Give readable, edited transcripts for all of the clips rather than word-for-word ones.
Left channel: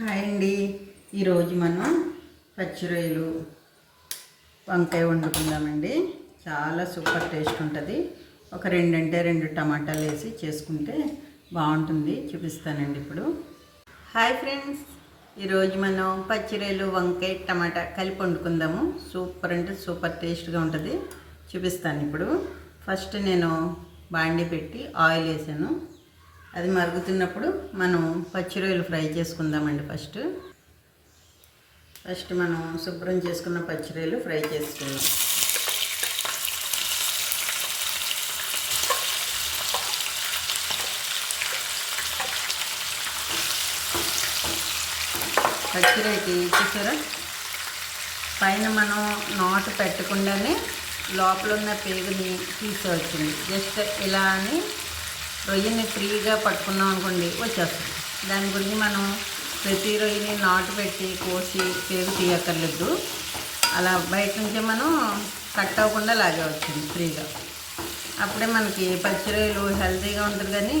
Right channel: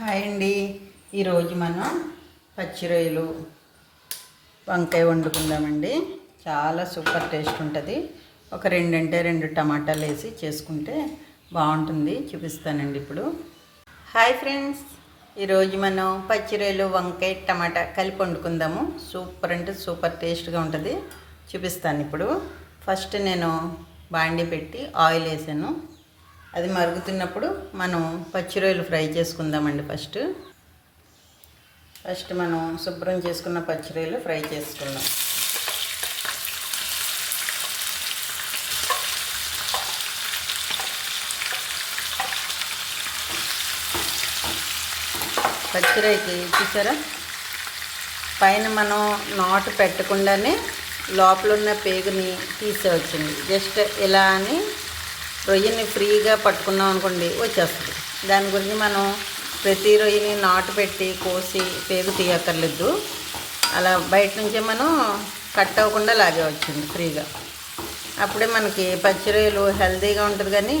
Hi అండి. ఈరోజు మనం పచ్చి రొయ్యలు వంకాయ వండుకుందామండి. చాలా సూపర్ టేస్ట్ ఉంటుంది. ఒక రెండు టమాటాలు వేసి చేసుకుంటే బాగుంటుంది. చూపిస్తానండి ఇప్పుడు. హాయ్ ఫ్రెండ్స్, ఈరోజు మనం పచ్చి రొయ్యలు వంకాయ టమాటా కలిపి వండుకుందాము. సూపర్ అంటే సూపర్ టేస్ట్గా ఉంటుంది. చూపిస్తాను ఇప్పుడు. ఫస్ట్ నేను బాండి పెట్టి ఆయిల్ వేసాను. అది మరుగుతున్నప్పుడు మనం పచ్చి రొయ్యలు ఫ్రై చేసుకుందామండి. ఫస్ట్ మనం శుభ్రం చేసుకున్న పచ్చి రొయ్యలు ఫ్రై చేసుకుందాం. పచ్చి రొయ్యకి చూసారా, పైన మనం నాటు పెట్టకుండానే లోపల ఉన్న పేగుని తీసేవచ్చింది. జస్ట్ ఇలా అని రొయ్యని ఫ్రీగా పట్టుకున్నాం అనుకోండి, వచ్చేస్తుంది. దాని గురించి మనం ప్రతి రొయ్యని నాటు పెట్టి కోసి పేగు తీయక్కర్లేదు. అలా బయట నుంచే మనం కట్ అవ్వకుండా లాగేవచ్చింది ఫ్రీగా. అప్పుడే మనకి పచ్చి రొయ్యలు హెల్తీగా ఉంటుంది. కానీ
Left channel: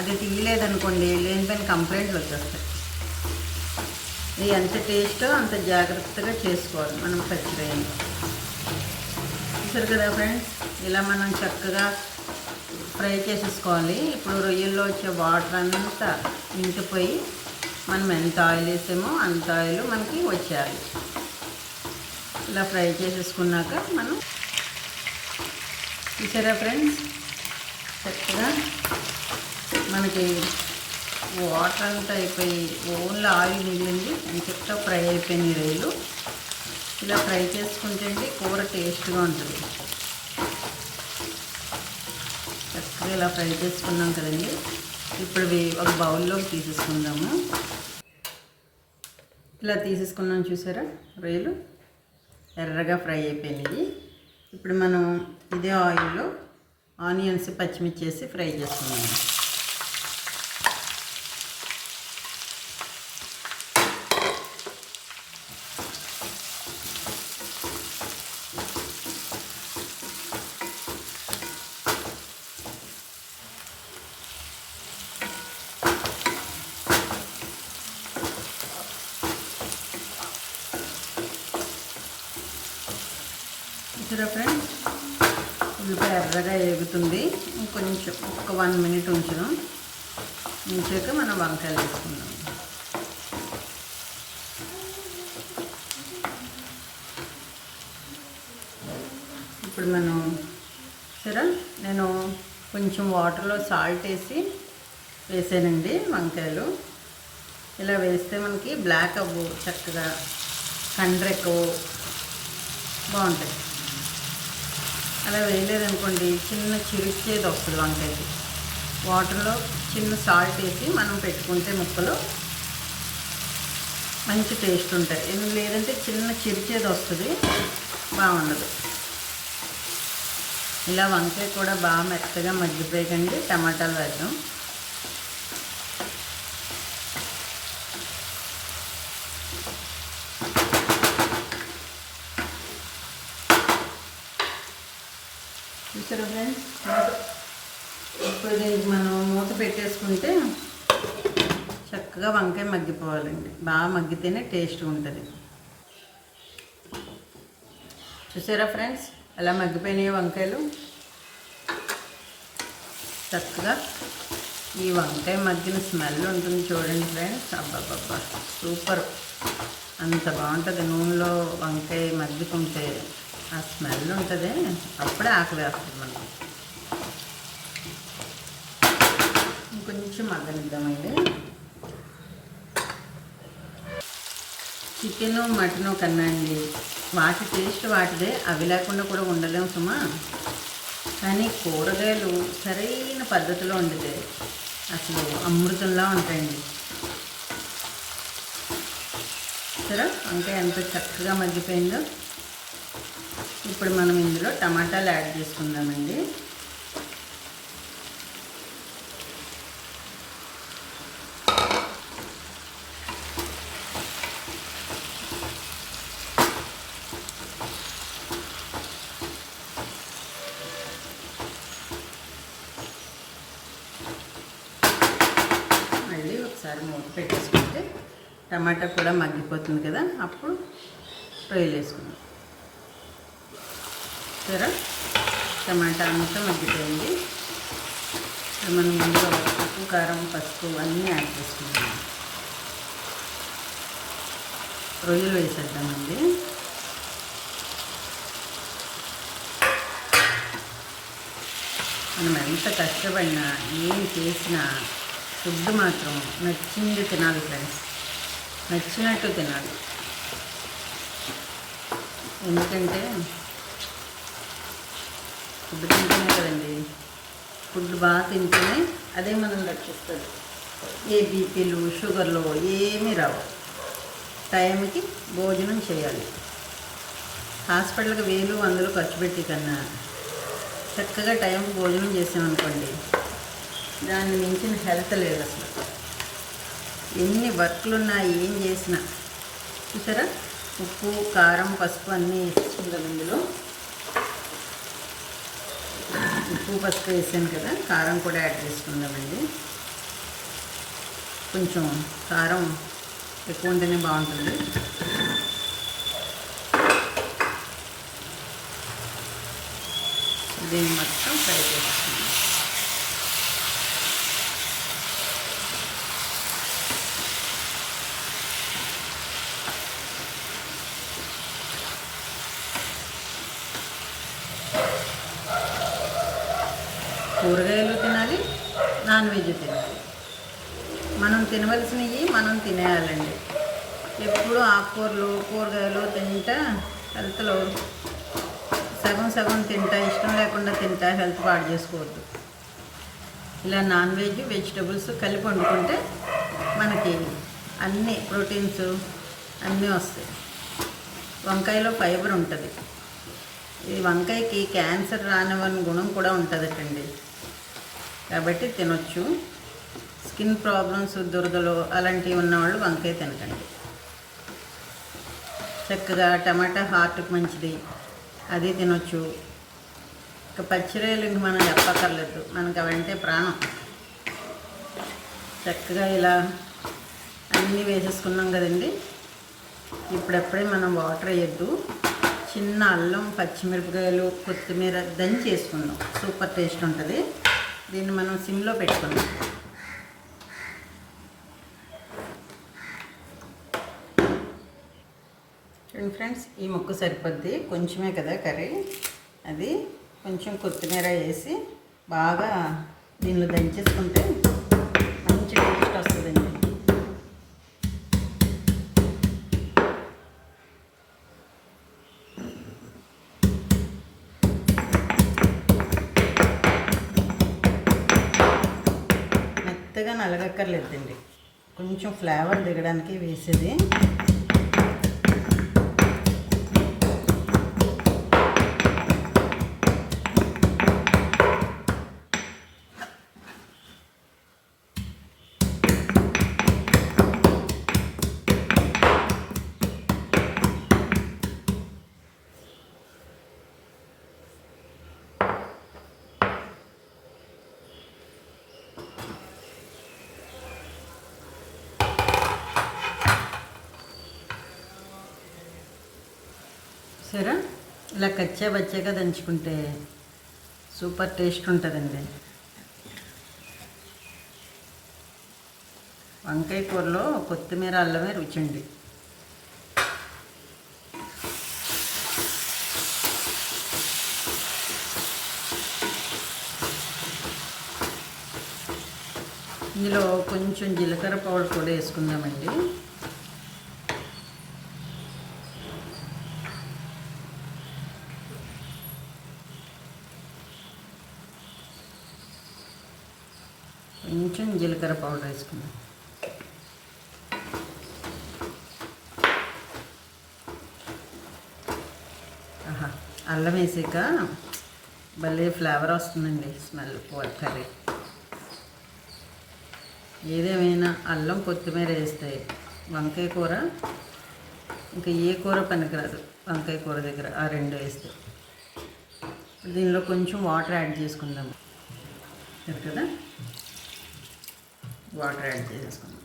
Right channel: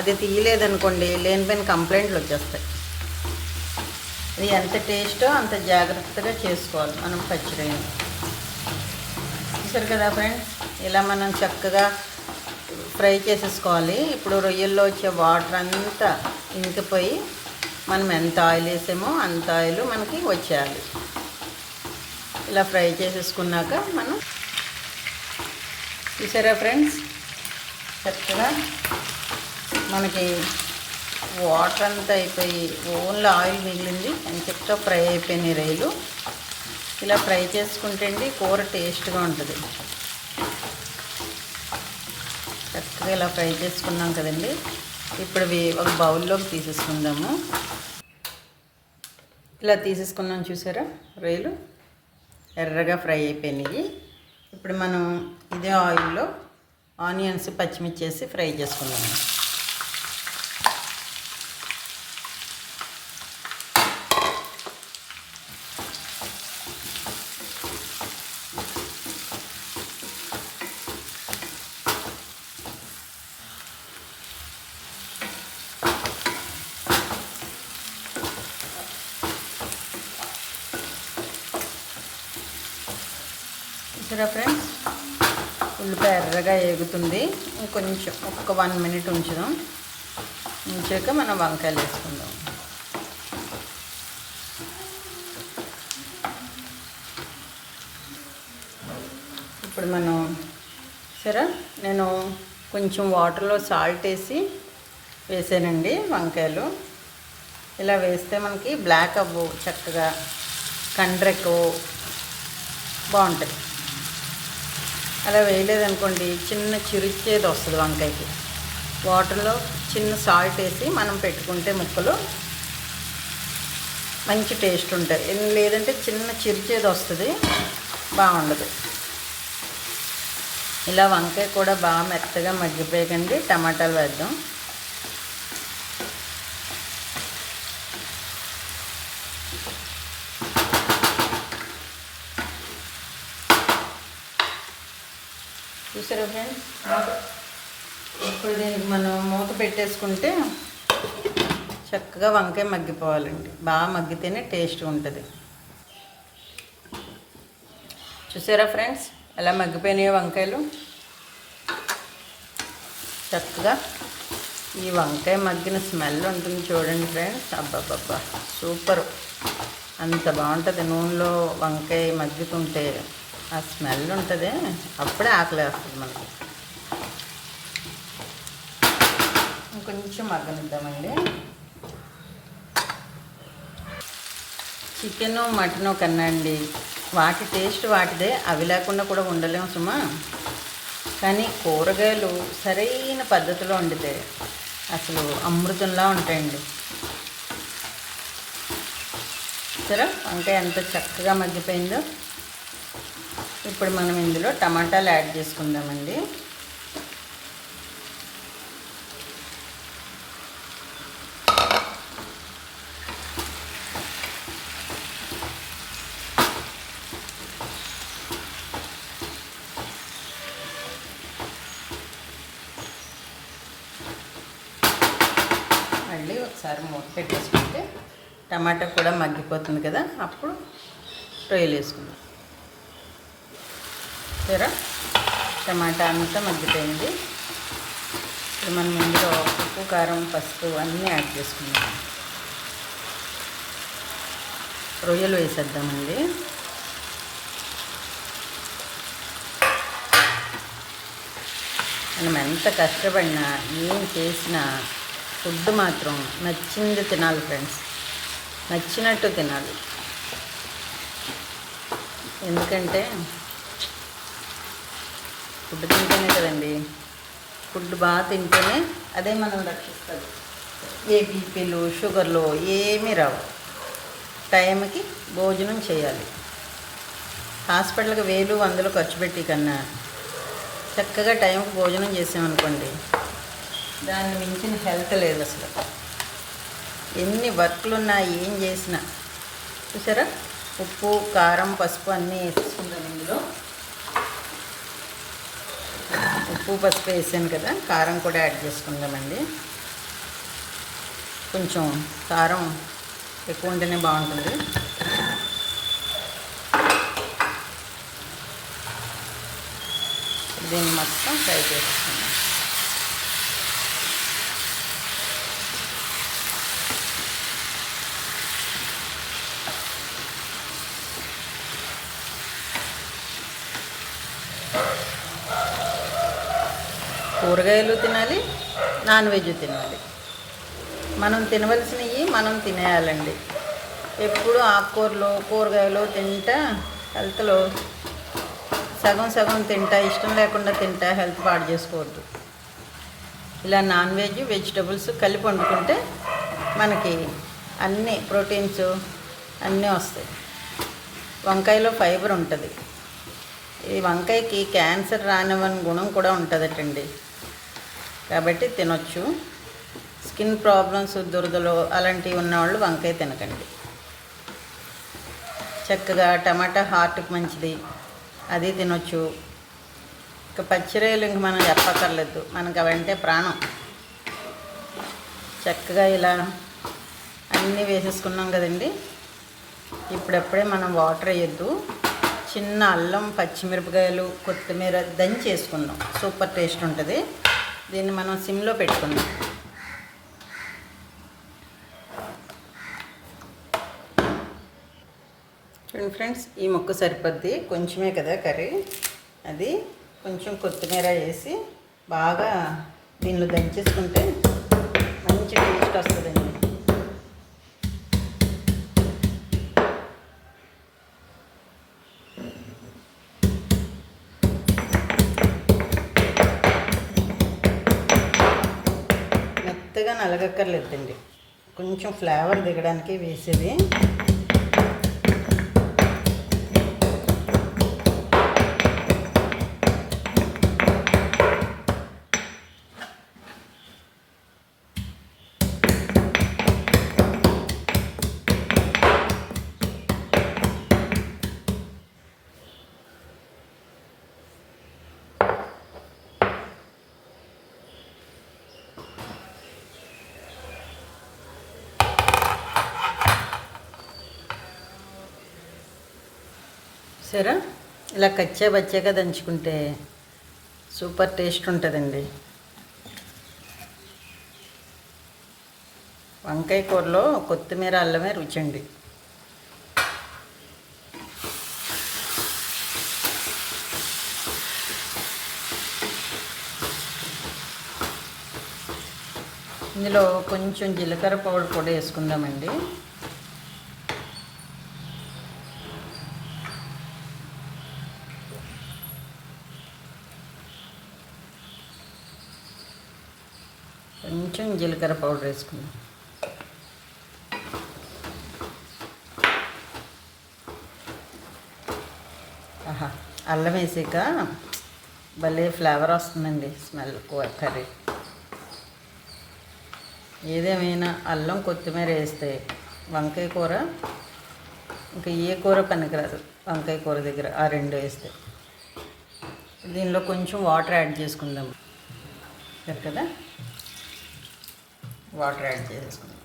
అది తీయలేదనుకోండి, లేనిపోయిన కంప్లైంట్లు వచ్చేస్తాయి. ఇది ఎంత టేస్టో అంత జాగ్రత్తగా చేసుకోవాలి మనం పచ్చి రొయ్యలు. చూసారు కదా ఫ్రెండ్స్, ఇలా మనం చక్కగా ఫ్రై చేసేసుకోవాలి. ఇప్పుడు రొయ్యల్లో వచ్చే వాటర్ అంతా ఇంకిపోయి మనం ఎంత ఆయిల్ వేసామో అంత ఆయిల్ మనకి వచ్చేయాలి. ఇలా ఫ్రై చేసేసుకున్నాక మనం చూసారా ఫ్రెండ్స్, చక్కగా మనకి వాటర్ అంతా అయిపోయి ఓన్లీ ఆయిల్ మిగిలింది. చక్కగా ఫ్రై అయిపోయినాయి రొయ్యలు. ఇలా ఫ్రై చేసుకుంటే కూర టేస్ట్గా ఉంటుంది. చక్కగా ఇలా ఫ్రై చేసుకున్నాం కదండి. ఇప్పుడు ఒక బౌల్లోకి తీసేసుకుందాము. ఇలా తీసేసుకున్నాం. చూసారా, రొయ్యలు ఎర్రగా ఫ్రై అయిపోయినాయి. ఇప్పుడు మనం ఇదే ఆయిల్లో ఆనియన్స్ పచ్చిమిర్చి వేసి ఫ్రై చేసుకున్నాము. ఫ్రెండ్స్, ఉల్లిపాయ ఎర్రగా ఏగుతుంది. ఇంకొంచెం ఒక 1 minute ఉంచాక మనం వంకాయలు వేసుకుందాం. ఇప్పుడు మనం సరే, నేను కొంచెం వాటర్లో సాల్ట్ వేసానండి వంకాయలు. ఇలా వేస్తే మనకి బ్లాక్ అవ్వు, చక్కగా కండ్రెక్కు బాగుంటాయి. అలా వేయలేదనుకోండి, చిన్న చిరిచేది వస్తుంది వంకాయకి. వాటర్లో చిన్న సాల్ట్ వేసి మనం పెట్టుకుంటే ముక్కలు మంచి టేస్ట్ ఉంటాయి. లేదంటే చిన్న చిరిచేది వస్తుంది, బాగుండదు. ఇలా వంకాయ కూడా బాగా మెత్తగా మగ్గిపోయాకండి. టమాటాలు వేద్దాం. చూసారా ఫ్రెండ్స్, ఇప్పుడు దీనికి మనం మూత పెట్టేసుకుంటే చక్కగా వంకాయ మగ్గిపోవాలండి. బాగా మగ్గితేనే టేస్ట్ ఉంటుంది. చూసారా ఫ్రెండ్స్, ఎలా మగ్గిపోయినాయో వంకాయలు. చక్కగా ఈ వంకాయ మగ్గిన స్మెల్ ఉంటుంది చూడండి ఫ్రెండ్స్. అబ్బాబ్బా, సూపర్! అంత బాగుంటుంది. నూనెలో వంకాయ మగ్గుతుంటే ఆ స్మెల్ ఉంటుంది. అప్పుడే ఆకలి వేస్తుంది మనకి. ఇంకొంచెం మగ్గనిద్దామండి. చికెను మటను కన్నా అండి, వాటి టేస్ట్ వాటిదే. అవి లేకుండా కూడా ఉండలేము సుమా. కానీ కూరగాయలు సరైన పద్ధతిలో వండితే అసలు అమృతంలా ఉంటాయండి. సరే, వంకాయ ఎంత చక్కగా మగ్గిపోయిందో. ఇప్పుడు మనం ఇందులో టమాటాలు యాడ్ చేసుకుందామండి. మళ్ళీ ఒకసారి మూత పెట్టేసుకుంటే టమాటా కూడా మగ్గిపోతుంది కదా, అప్పుడు రొయ్యలు వేసుకుందాం. సరే, టమాటా అంతా మగ్గిపోయింది. మనం ముందుగా ఉప్పు, కారం, పసుపు అన్నీ యాడ్ చేసుకుందాం. రొయ్యలు వేసేద్దామండి. మనం ఎంత కష్టపడినా ఏం చేసినా ఫుడ్ మాత్రం నచ్చింది తినాలి ఫ్రెండ్స్, నచ్చినట్టు తినాలి. ఎందుకంటే ఫుడ్ తింటేనే కదండి, ఫుడ్ బాగా తింటేనే అదే మనం రక్షిస్తుంది. ఏ బీపీలు, షుగర్లు ఏమీ రావు. టైంకి భోజనం చేయాలి. హాస్పిటల్కి 1000-100 ఖర్చు పెట్టి కన్నా చక్కగా టైంకి భోజనం చేసామనుకోండి, దాన్ని మించిన హెల్త్ లేదు అసలు. ఎన్ని వర్క్లు ఉన్నా ఏం చేసినా. చూసారా, ఉప్పు, కారం, పసుపు అన్నీ వేసుకుంటాం. ఇందులో ఉప్పు, పసుపు వేసాను కదా, కారం కూడా యాడ్ చేసుకుందామండి. కొంచెం కారం ఎక్కువ ఉంటేనే బాగుంటుంది. దీన్ని మొత్తం ఫ్రై చేసుకుందాం. కూరగాయలు తినాలి, నాన్ వెజ్ తినాలి. మనం తినవలసినవి మనం తినేయాలండి. ఎప్పుడు ఆకుకూరలు, కూరగాయలు తింటా హెల్త్లో సగం సగం తింటా, ఇష్టం లేకుండా తింటా హెల్త్ పాడు చేసుకోవద్దు. ఇలా నాన్ వెజ్, వెజిటబుల్స్ కలిపి వండుకుంటే మనకి అన్ని ప్రోటీన్స్ అన్నీ వస్తాయి. వంకాయలో ఫైబర్ ఉంటుంది. ఈ వంకాయకి క్యాన్సర్ రానివ్వని గుణం కూడా ఉంటుందటండి. కాబట్టి తినొచ్చు. స్కిన్ ప్రాబ్లమ్స్, దురదలు అలాంటివి ఉన్నవాళ్ళు వంకాయ తినకండి. చక్కగా టమాటా హార్ట్కి మంచిది, అది తినొచ్చు. ఇక పచ్చిరొయ్యలు ఇంక మనం చెప్పక్కర్లేదు, మనకు అవంటే ప్రాణం. చక్కగా ఇలా అన్నీ వేసేసుకున్నాం కదండి. ఇప్పుడప్పుడే మనం వాటర్ వేయొద్దు. చిన్న అల్లం, పచ్చిమిరపకాయలు, కొత్తిమీర దంచి వేసుకుందాం. సూపర్ టేస్ట్ ఉంటుంది. దీన్ని మనం సిమ్లో పెట్టుకుందాం. చూడండి ఫ్రెండ్స్, ఈ ముక్క సరిపోద్ది, కొంచెమే కదా కర్రీ. అది కొంచెం కొత్తిమీర వేసి బాగా దీనిలో దంచేసుకుంటే మంచి టేస్ట్ వస్తుందండి. మెత్తగా నలగక్కర్లేదండి, కొంచెం ఫ్లేవర్ దిగడానికి వేసేది. సరే, ఇలా బచ్చగా దంచుకుంటే సూపర్ టేస్ట్ ఉంటుందండి. వంకాయ కూరలో కొత్తిమీర, అల్లమే రుచండి. ఇందులో కొంచెం జీలకర్ర పౌడర్ కూడా వేసుకుందామండి. కొంచెం జీలకర్ర పౌడర్ వేసుకుందాం. అల్లం వేసాక భలే ఫ్లేవర్ వస్తుందండి, స్మెల్ కర్రీ. ఏదేమైనా అల్లం, కొత్తిమీర వేస్తే వంకాయ కూర ఇంకా ఏ కూర పనికిరాదు. వంకాయ కూర దగ్గర ఆ రెండు వేస్తే. దీనిలో కొంచెం వాటర్ యాడ్ చేసుకుందాం కదా, వాటర్ యాడ్ చేసుకుందాం.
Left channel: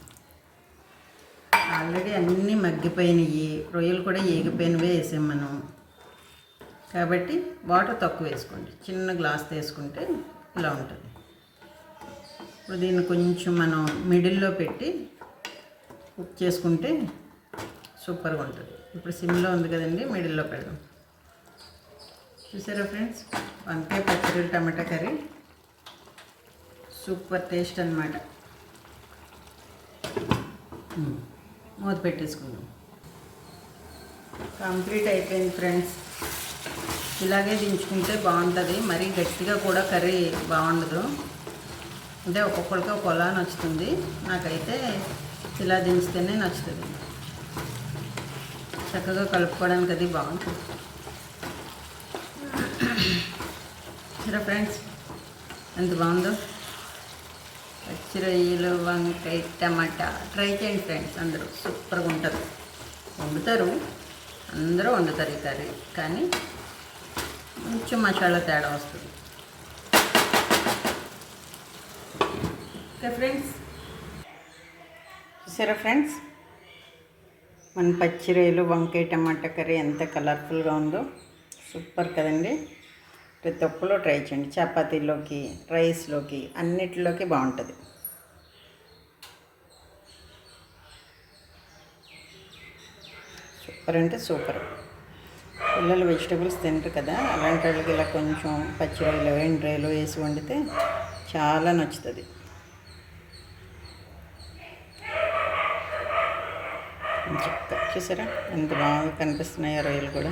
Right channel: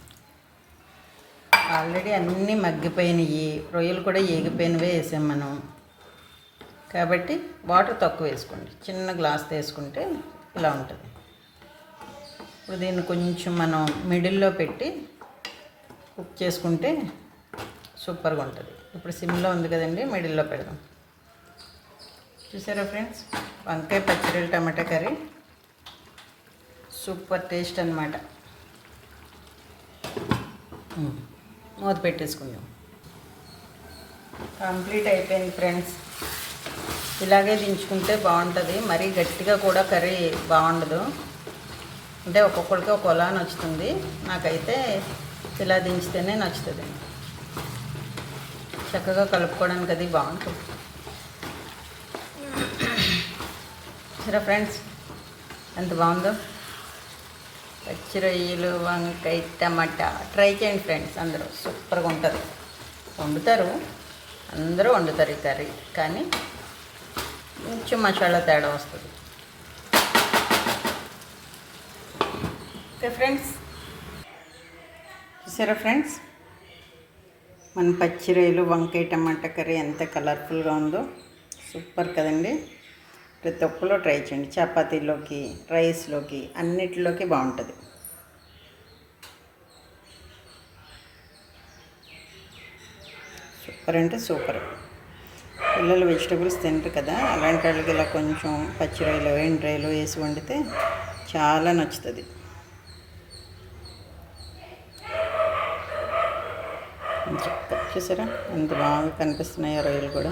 ఆల్రెడీ అన్నీ మగ్గిపోయినాయి, రొయ్యలు కూడా ఏగిపోయినవే వేసాం మనం. కాబట్టి వాటర్ తక్కువ వేసుకోండి, చిన్న గ్లాస్ వేసుకుంటే ఇలా ఉంటుంది. ఇప్పుడు దీన్ని కొంచెం మనం మిడిల్లో పెట్టి కుక్ చేసుకుంటే సూపర్గా ఉంటుంది. ఇప్పుడు సిమ్లో ఉంది కదండి, మిడిల్లో పెడదాం. చూసారా ఫ్రెండ్స్, వంకాయ పచ్చడి టమాటా కర్రీ సూపర్ టేస్ట్ అన్నమాట. మూత పెట్టేసుకుందాం. కంప్లీట్ అయిపోయింది ఫ్రెండ్స్. ఇలాగే దించుకుంటే బాగుంటుంది, మరీ గట్టిగా కూడా కర్రీ బాగుండదు. అంటే ఒక్కొక్కరికి ఒకలా నచ్చుతుంది, నాకైతే ఇలా దించితేనే నచ్చుతుంది. చక్కగా కలుపుకోవడానికి అది బాగుంటుంది. సరే ఫ్రెండ్స్, ఎంత బాగుందో పచ్చి రొయ్యలు వంకాయ టమాటా. ట్రై చేయండి ఫ్రెండ్స్, అందరూ సూపర్గా ఉంటుంది. అందరూ వండుతారు ఈ కర్రీ, కానీ కొంచెం మసాలా తేడా వస్తుంది. ఓకే ఫ్రెండ్స్, చూసారా ఫ్రెండ్స్, మన పచ్చి రొయ్యలు వంకాయ టమాటా కర్రీ ఎంత కలర్ఫుల్గా ఉందో, సూపర్ కదండి. ప్రతి ఒక్కరు ట్రై చేయండి, చపాతీలోకి రైస్లోకి అన్నిటిలోకి బాగుంటుంది. సూపర్ అంటే సూపర్. పిల్లలు వెజిటబుల్స్ తింటారు కదా, అలాంటి వాళ్ళకి ఇలా కొంచెం పచ్చి రొయ్యలు ఎండు రొయ్యలు వేసి వండితే చాలా నచ్చుతుంది. చూసారా ఎంత బాగా కనిపిస్తున్నాయో రొయ్యలు కూడా.